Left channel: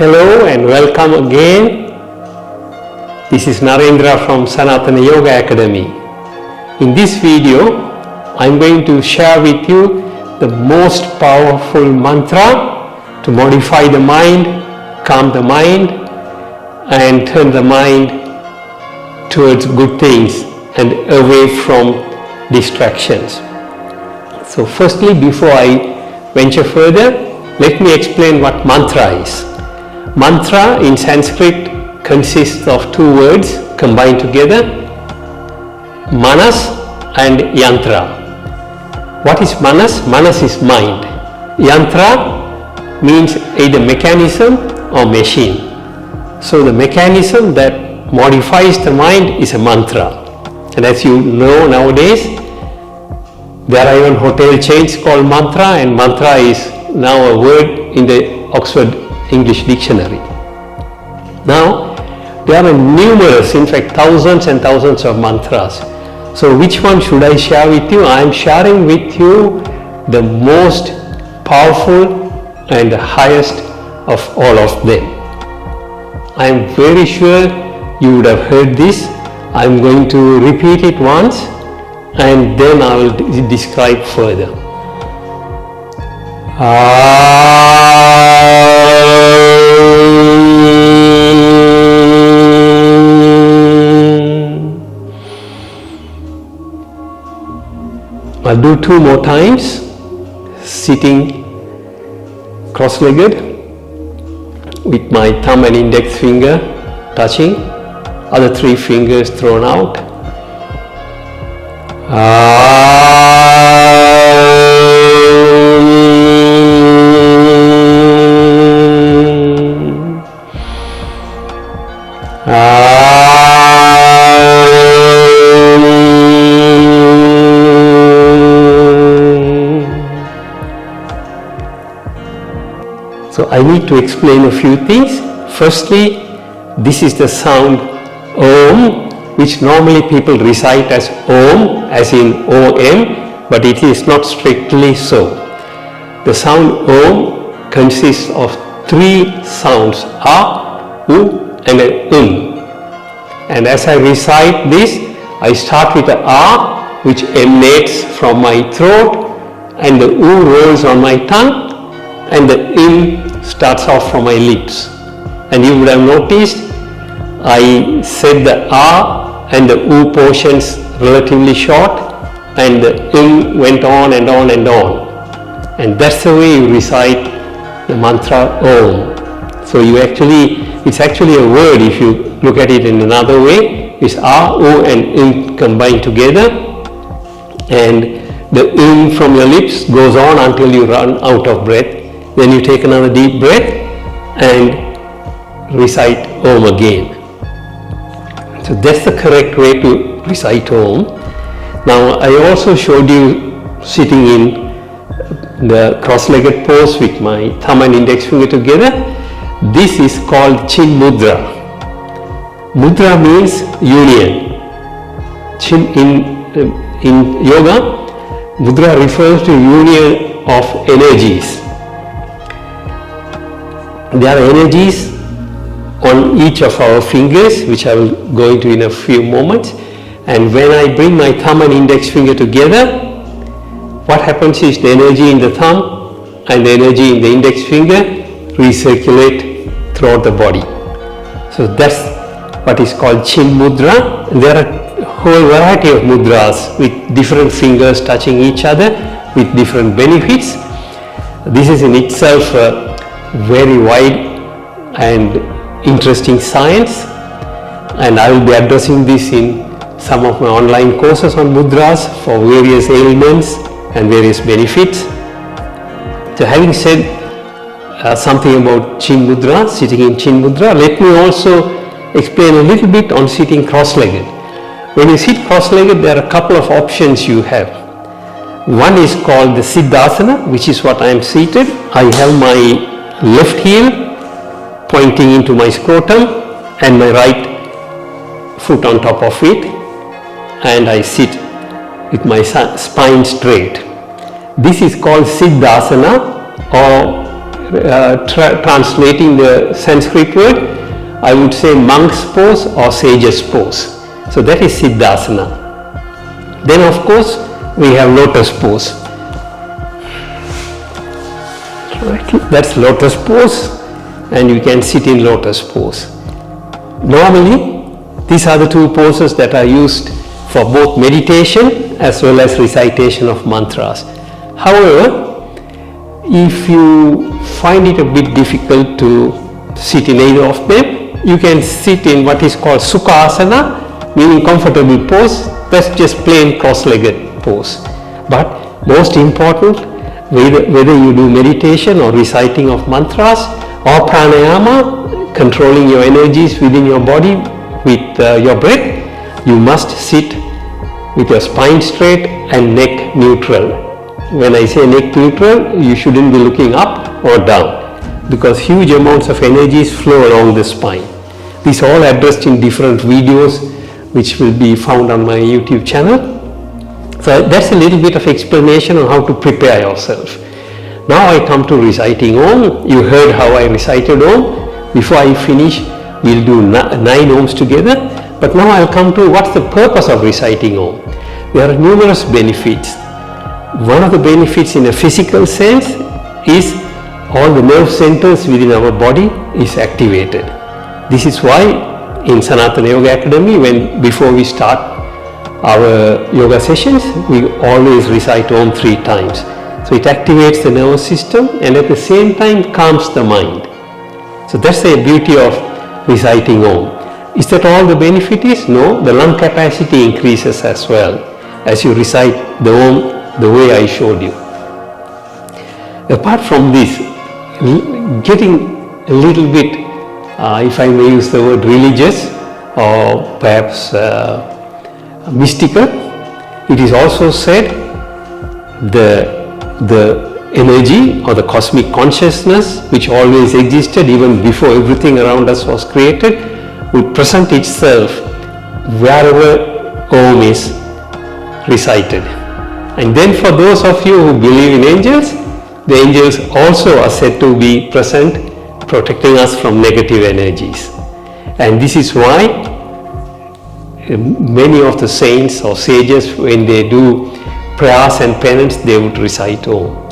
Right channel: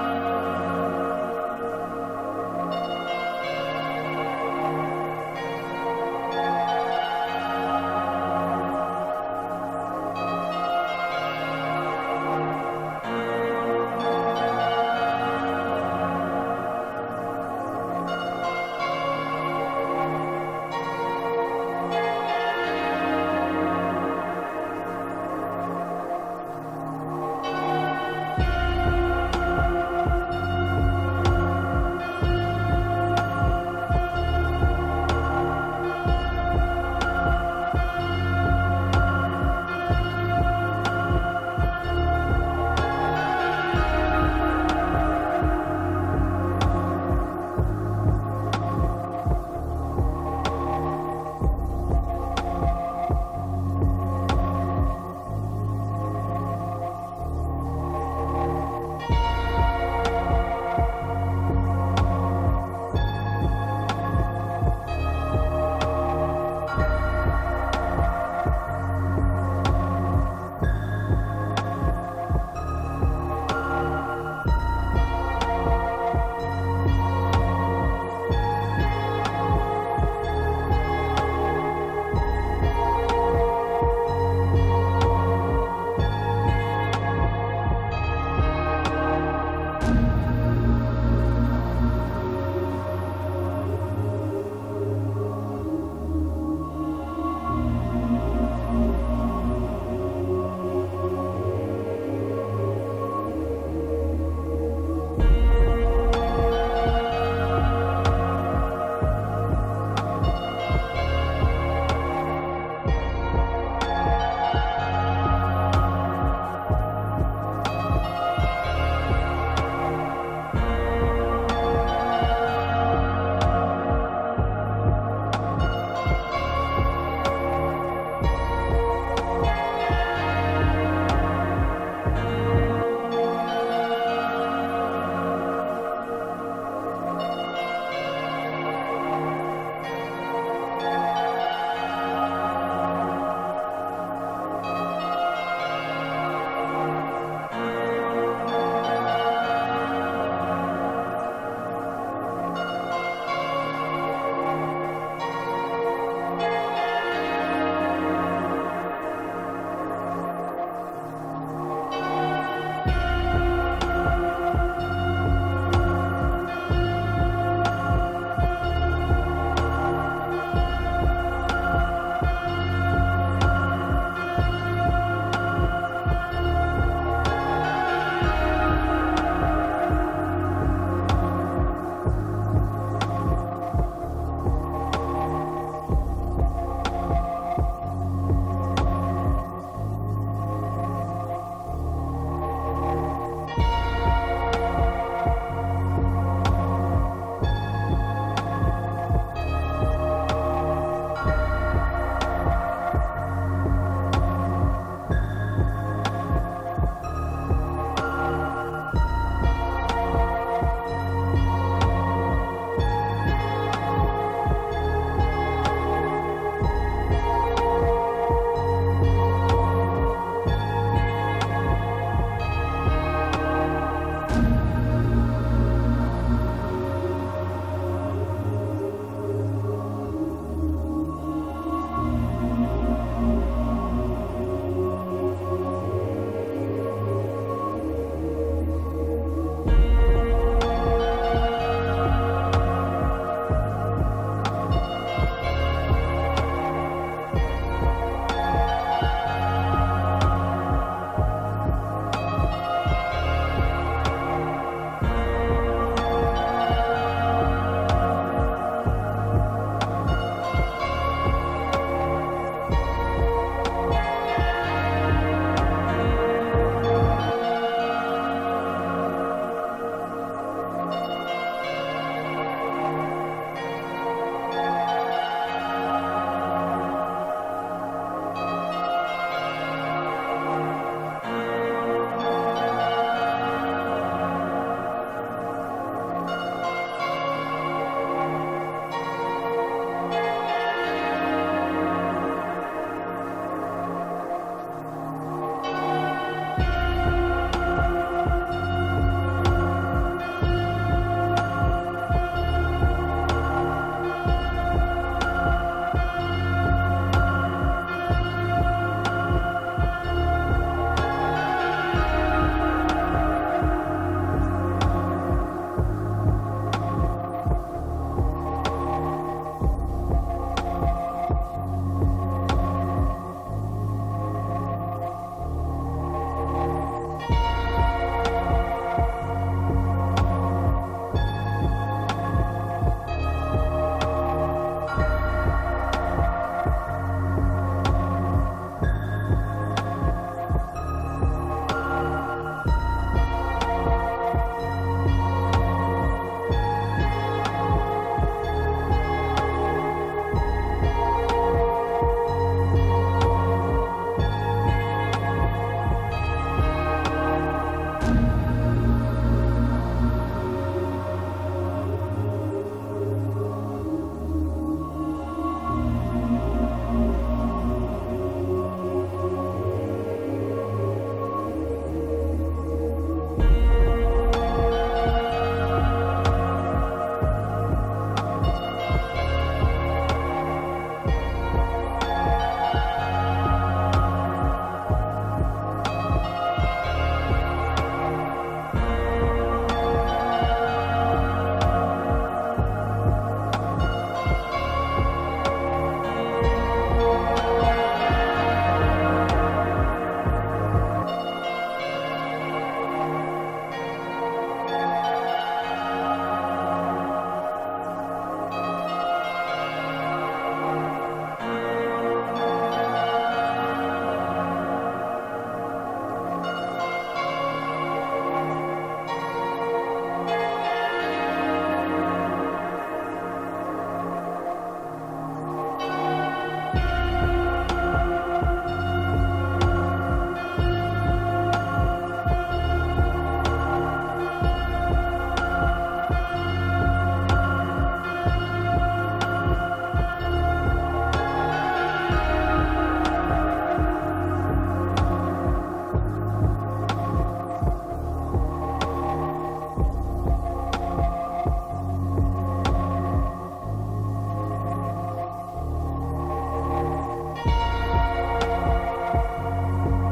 Hello and welcome again. This is Narendra from Sanatana Yoga Academy. In this video, I'm going to share with you the most powerful mantra to modify the mind, calm the mind, and turn the mind towards good things and away from distractions. So firstly, before I venture further, let me explain what mantra is. Mantra in Sanskrit consists of two words combined together, manas and yantra. What is manas? Manas is mind. Yantra means either mechanism or machine. So the mechanism that modifies the mind is a mantra. And as you know nowadays, there are even hotel chains called mantra, and mantra is now a word in the Oxford English Dictionary. Now, there are numerous, in fact thousands and thousands of mantras. So which one should I share with you? I am sharing with you the most powerful and the highest of all of them. I am very sure you would have heard this. I am going to repeat it once and then I will describe further. I'll do two more times, sitting cross-legged with my thumb and index finger touching, other three fingers thrown out. So I need to explain a few things. Firstly, this is the sound Om, which normally people recite as Om, as in O-M, but it is not strictly so. The sound Om consists of three sounds, A, U and an And as I recite this, I start with the A, which emanates from my throat, and the U rolls on my tongue, and the in starts off from my lips. And you would have noticed I said the A and the U portions relatively short, and the in went on and on and on. And that's the way you recite the mantra Om. So it's actually a word if you look at it in another way. It's A, U and in combined together, and the in from your lips goes on until you run out of breath. Then you take another deep breath and recite Om again. So that's the correct way to recite Om. Now I also showed you sitting in the cross-legged pose with my thumb and index finger together. This is called Chin Mudra. Mudra means union. Chin in yoga, Mudra refers to union of energies. There are energies on each of our fingers, which I will go into in a few moments. And when I bring my thumb and index finger together, what happens is the energy in the thumb and the energy in the index finger recirculate throughout the body. So that's what is called Chin Mudra. And there are a whole variety of mudras with different fingers touching each other with different benefits. This is in itself a very wide and interesting science, and I will be addressing this in some of my online courses on mudras for various ailments and various benefits. So having said something about Chin Mudra, sitting in Chin Mudra, let me also explain a little bit on sitting cross-legged. When you sit cross-legged, there are a couple of options you have. One is called the Siddhasana, which is what I am seated. I have my left heel pointing into my scrotum and my right foot on top of it, and I sit with my spine straight. This is called Siddhasana, or translating the Sanskrit word, I would say monk's pose or sage's pose. So that is Siddhasana. Then of course we have lotus pose. That's lotus pose, and you can sit in lotus pose. Normally these are the two poses that are used for both meditation as well as recitation of mantras. However, if you find it a bit difficult to sit in either of them, you can sit in what is called Sukhasana, meaning comfortable pose. That's just plain cross-legged pose. But most important, whether you do meditation or reciting of mantras or pranayama, controlling your energies within your body with your breath, you must sit with your spine straight and neck neutral. When I say neck neutral, you shouldn't be looking up or down, because huge amounts of energies flow along the spine. These are all addressed in different videos which will be found on my YouTube channel. So that's a little bit of explanation on how to prepare yourself. Now I come to reciting Om. You heard how I recited Om. Before I finish, we'll do 9 Oms together. But now I'll come to what's the purpose of reciting Om. There are numerous benefits. One of the benefits in a physical sense is all the nerve centers within our body is activated. This is why in Sanatana Yoga Academy, before we start our yoga sessions, we always recite Om 3 times. So it activates the nervous system and at the same time calms the mind. So that's the beauty of reciting Om. Is that all the benefit is? No, the lung capacity increases as well as you recite the Om the way I showed you. Apart from this, getting a little bit, if I may use the word religious or perhaps mystical, it is also said the energy or the cosmic consciousness which always existed even before everything around us was created would present itself wherever Om is recited. And then for those of you who believe in angels, the angels also are said to be present, protecting us from negative energies. And this is why many of the saints or sages, when they do prayers and penance, they would recite Om.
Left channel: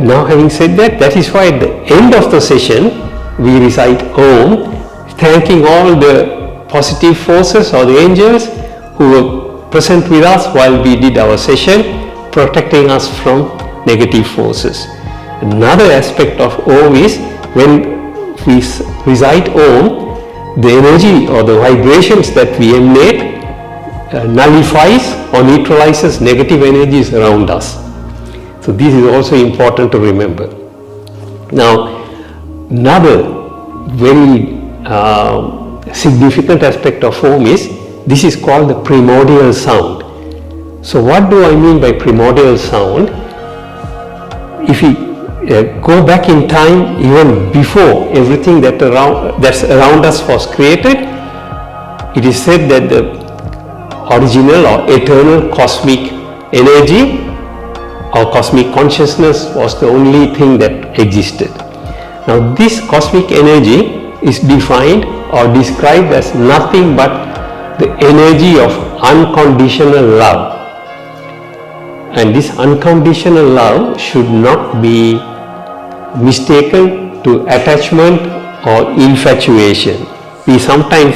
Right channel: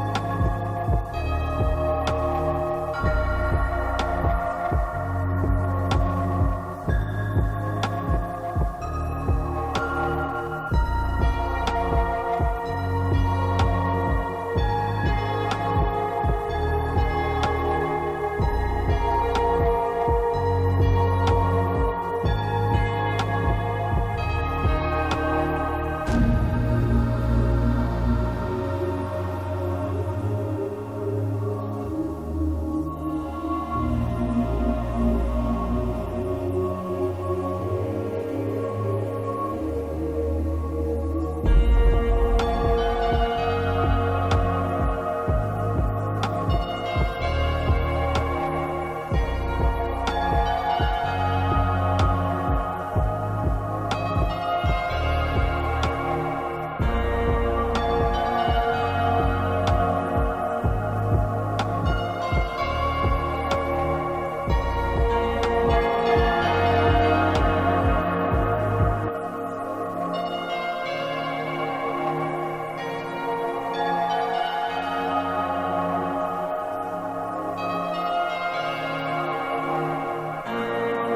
Now having said that, that is why at the end of the session, we recite Om, thanking all the positive forces or the angels who were present with us while we did our session, protecting us from negative forces. Another aspect of Om is when we recite Om, the energy or the vibrations that we emanate nullifies or neutralizes negative energies around us. So this is also important to remember. Now, another very significant aspect of Om is this is called the primordial sound. So what do I mean by primordial sound? If we go back in time, even before everything that's around us was created, it is said that the original or eternal cosmic energy or cosmic consciousness was the only thing that existed. Now this cosmic energy is defined or described as nothing but the energy of unconditional love. And this unconditional love should not be mistaken to attachment or infatuation. We sometimes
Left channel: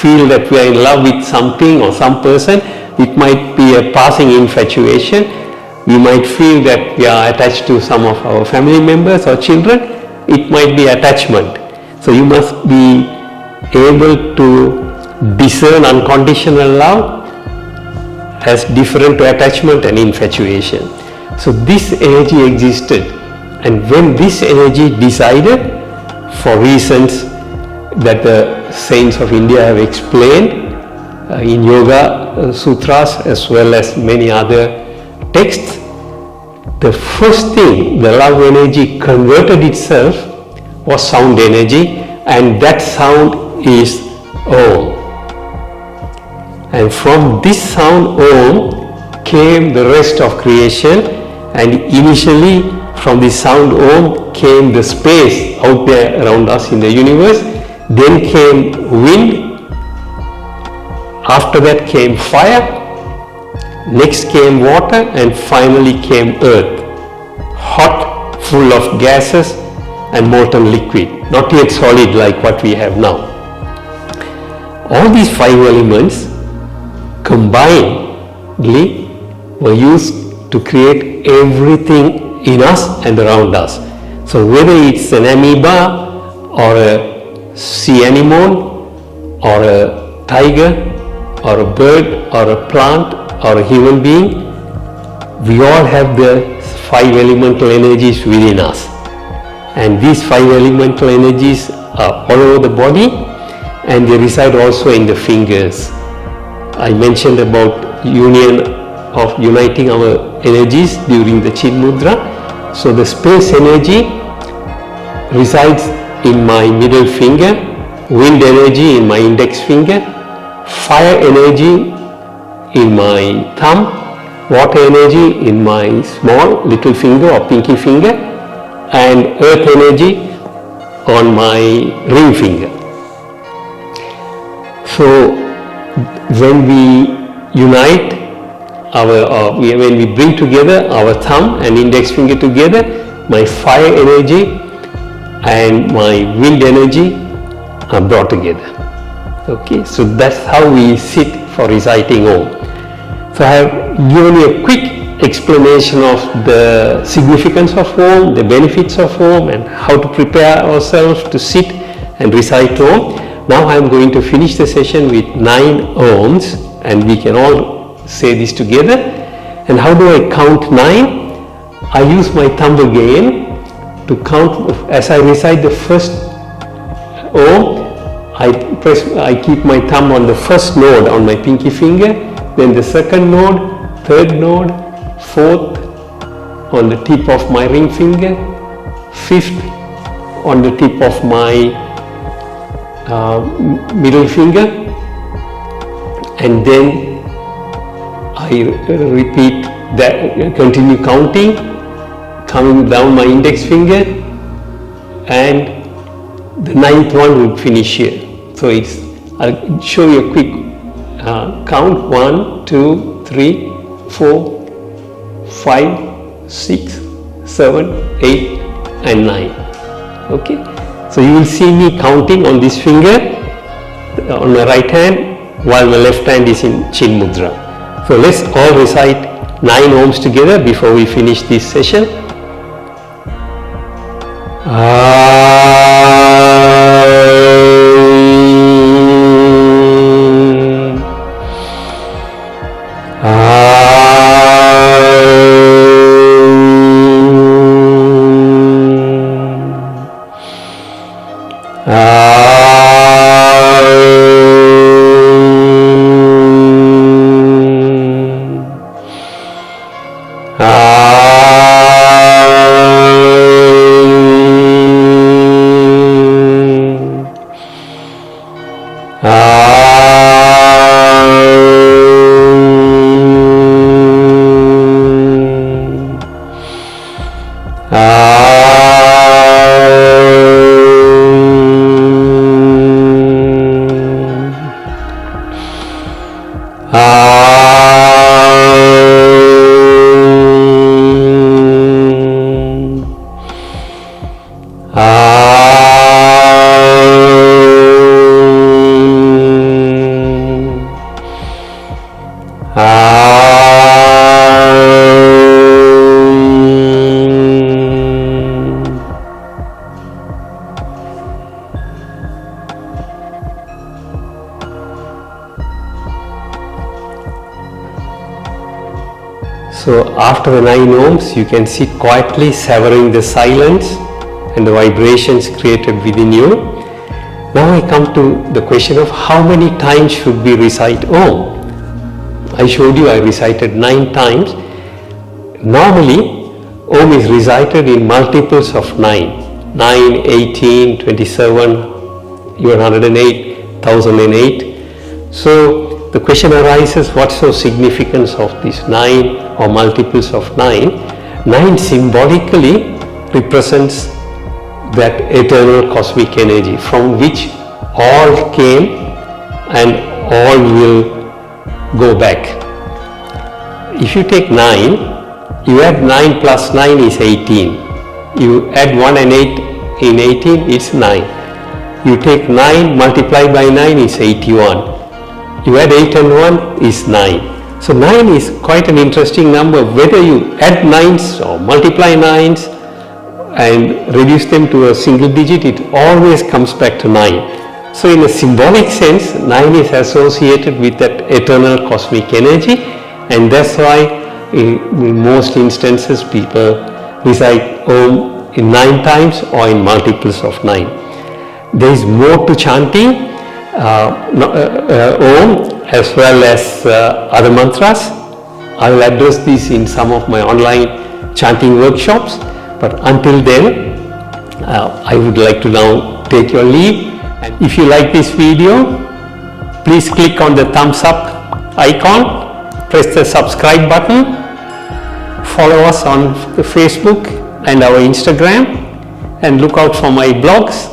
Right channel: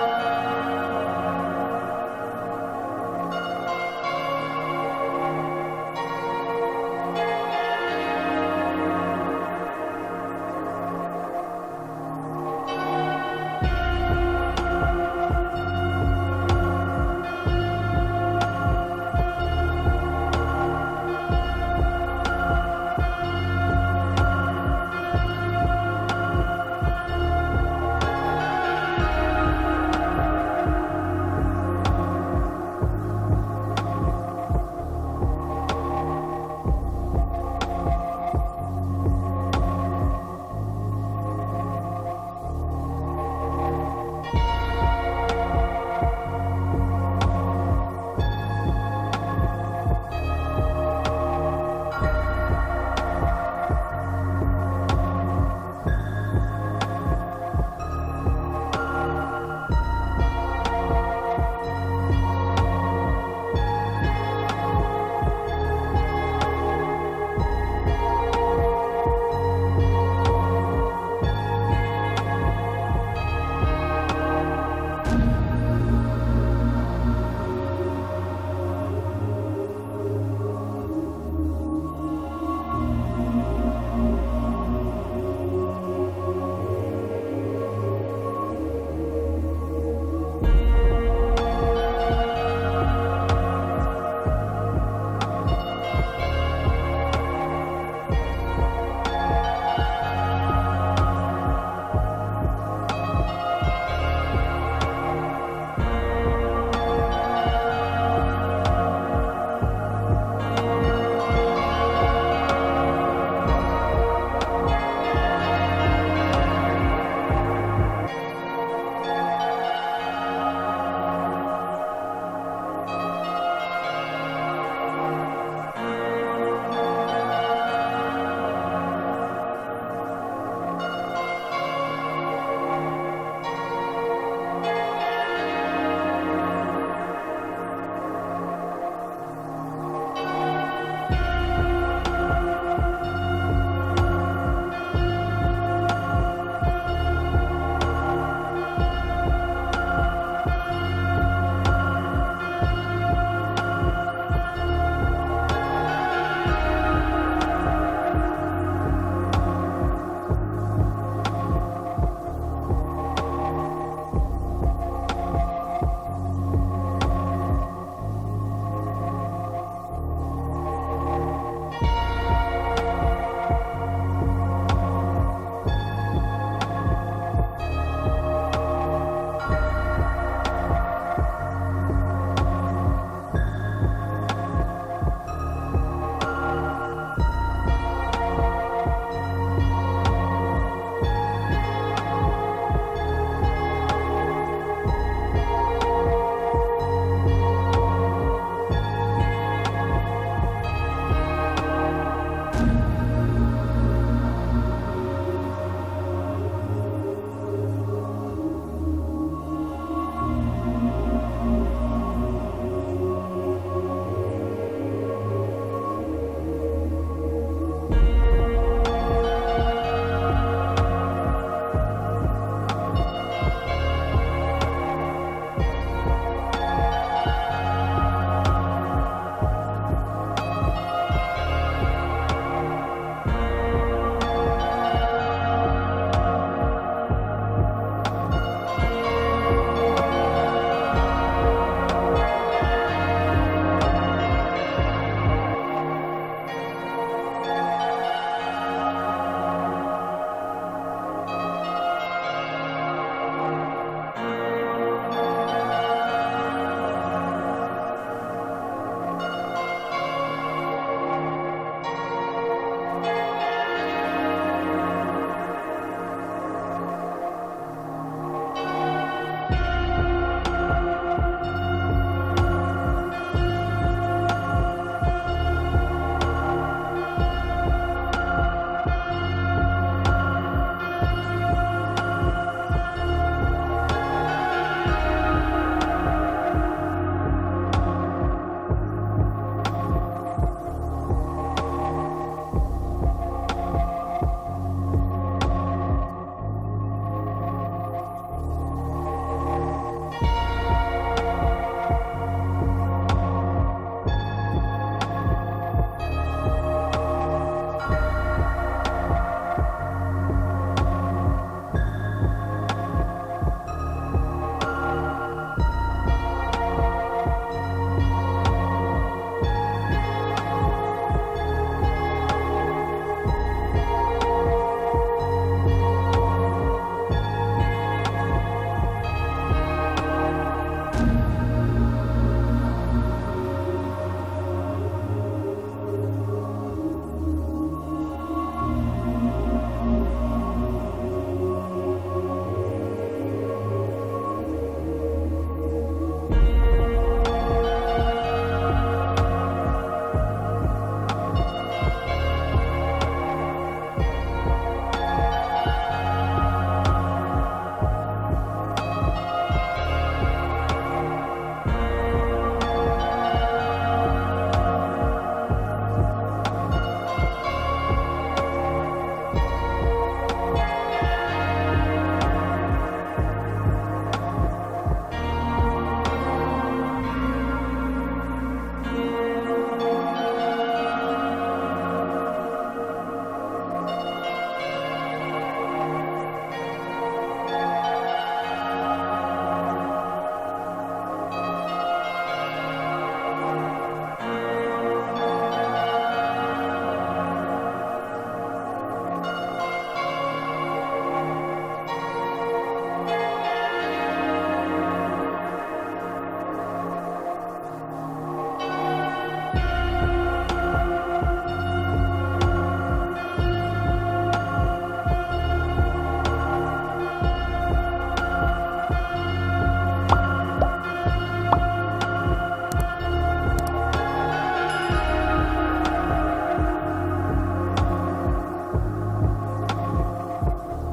feel that we are in love with something or some person. It might be a passing infatuation. We might feel that we are attached to some of our family members or children. It might be attachment. So you must be able to discern unconditional love as different to attachment and infatuation. So this energy existed, and when this energy decided, for reasons that the saints of India have explained in Yoga Sutras as well as many other texts, the first thing the love energy converted itself was sound energy, and that sound is Om. And from this sound Om came the rest of creation, and initially from the sound Om came the space out there around us in the universe. Then came wind. After that came fire. Next came water, and finally came earth. Hot, full of gases and molten liquid, not yet solid like what we have now. All these 5 elements combinedly were used to create everything in us and around us. So whether it's an amoeba or a sea anemone or a tiger or a bird or a plant or a human being, we all have the 5 elemental energies within us. And these 5 elemental energies are all over the body, and they reside also in the fingers. I mentioned about uniting our energies during the Chin Mudra. So the space energy resides in my middle finger, wind energy in my index finger, fire energy in my thumb, water energy in my small little finger or pinky finger, and earth energy on my ring finger. So when we unite when we bring together our thumb and index finger together, my fire energy and my wind energy are brought together. Okay, so that's how we sit for reciting Om. So I have given you a quick explanation of the significance of Om, the benefits of Om, and how to prepare ourselves to sit and recite Om. Now I am going to finish the session with 9 Oms, and we can all say this together. And how do I count 9? I use my thumb again to count. As I recite the first Om, I keep my thumb on the first node on my pinky finger, then the second node, third node, fourth on the tip of my ring finger, fifth on the tip of my middle finger, and then I repeat that, continue counting, coming down my index finger, and the 9th one will finish here. So I'll show you a quick count: 1, 2, 3, 4, 5, 6, 7, 8, and 9. Okay. So you will see me counting on this finger on my right hand while my left hand is in Chin Mudra. So let's all recite 9 Oms together before we finish this session. So after the 9 Oms, you can sit quietly savoring the silence and the vibrations created within you. Now I come to the question of how many times should we recite Om. I showed you I recited 9 times. Normally Om is recited in multiples of 9. 9, 18, 27, even 108, 1008. So the question arises, what's the significance of these 9 or multiples of 9? 9 symbolically represents that eternal cosmic energy from which all came and all will go back. If you take 9, you add 9 plus 9 is 18. You add 1 and 8 in 18, it's 9. You take 9 multiplied by 9 is 81. You add 8 and 1 is 9. So 9 is quite an interesting number. Whether you add 9s or multiply 9s and reduce them to a single digit, it always comes back to 9. So in a symbolic sense, 9 is associated with that eternal cosmic energy, and that's why in most instances people recite Om in 9 times or in multiples of 9. There is more to chanting Om as well as other mantras. I will address this in some of my online chanting workshops, but until then I would like to now take your leave. If you like this video, please click on the thumbs up icon, press the subscribe button, follow us on Facebook and our Instagram, and look out for my blogs,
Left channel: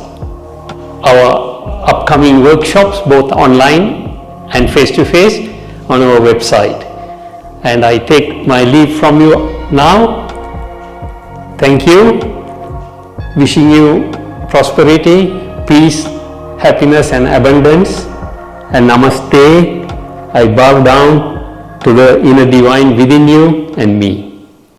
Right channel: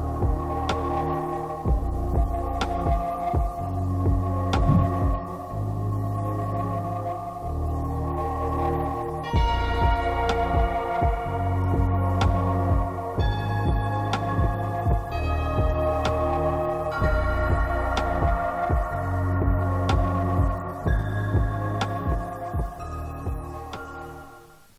our upcoming workshops both online and face-to-face on our website. And I take my leave from you now. Thank you. Wishing you prosperity, peace, happiness and abundance. And namaste. I bow down to the inner divine within you and me.